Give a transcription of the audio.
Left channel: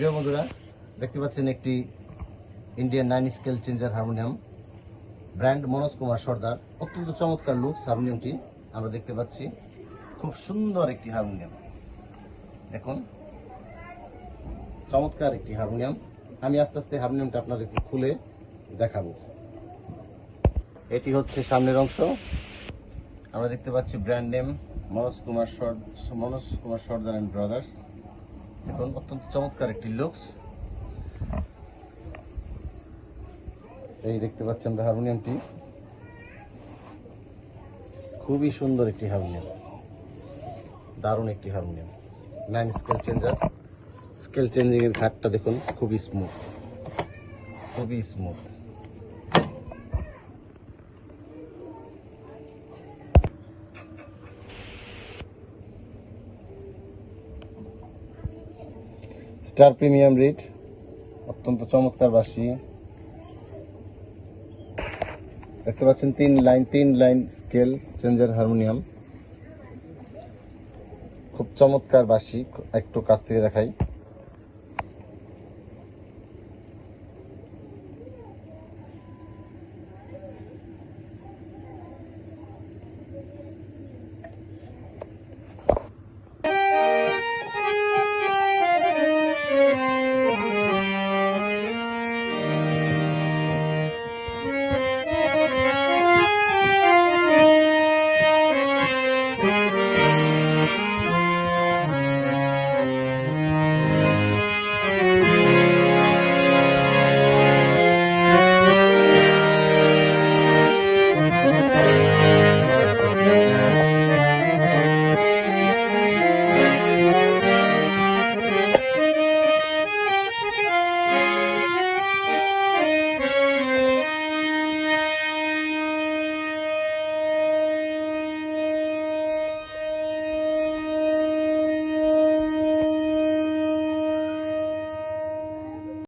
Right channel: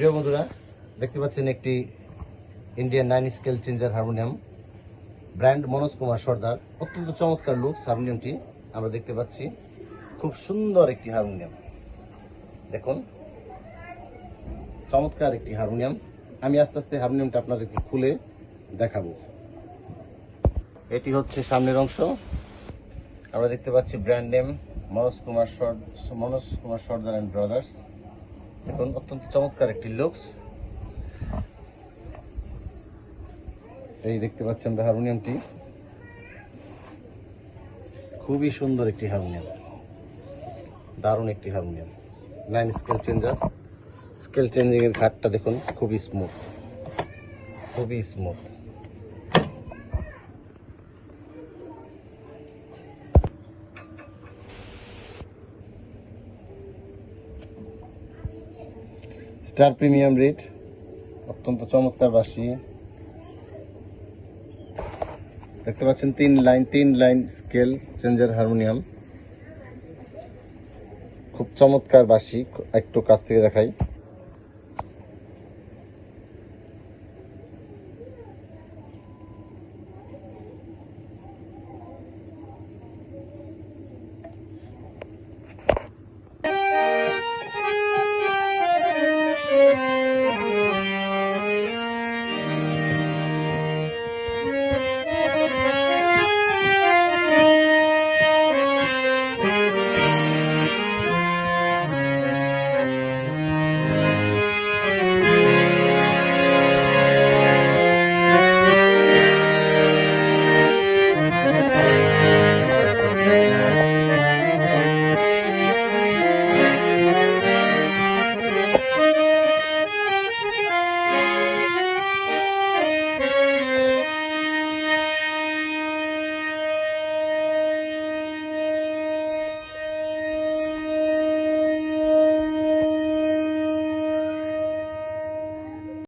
প্রিয় বন্ধুরা, দেখতে পাচ্ছেন একটি Indian 9 scale changer harmonium, brand Manoj Kumar Sardar. অত্যন্ত চমৎকার লুকস হারমোনিয়ামটি আমরা দেখতে পাচ্ছি। খুব সুন্দর একটি হারমোনিয়াম, দেখুন চমৎকার একটি হারমোনিয়াম। আমি আস্তে আস্তে হারমোনিয়ামটা আপনাদেরকে খুলে দেখাবো। এটি হচ্ছে সামনের অংশ। আমরা দেখতে পাচ্ছি brand name Manoj Kumar Sardar and brothers. দেখুন অত্যন্ত চমৎকার একটি লুকস। এই দেখতে পাচ্ছি আমরা হারমোনিয়ামটি, খুবই সুন্দর একটি হারমোনিয়াম, দারুণ একটি harmonium. 9 scale changer. Scale changing এর ঘাটটা দেখুন, খুবই স্মুথ, খুবই স্মুথ। স্টার প্রিমিয়াম রেট, অত্যন্ত চমৎকার বাঁশি। দেখতে পাচ্ছেন 3 লাইন স্কেল চেঞ্জার হারমোনিয়াম, খুব চমৎকার বাঁশি। একটু কাছ থেকে দেখাই।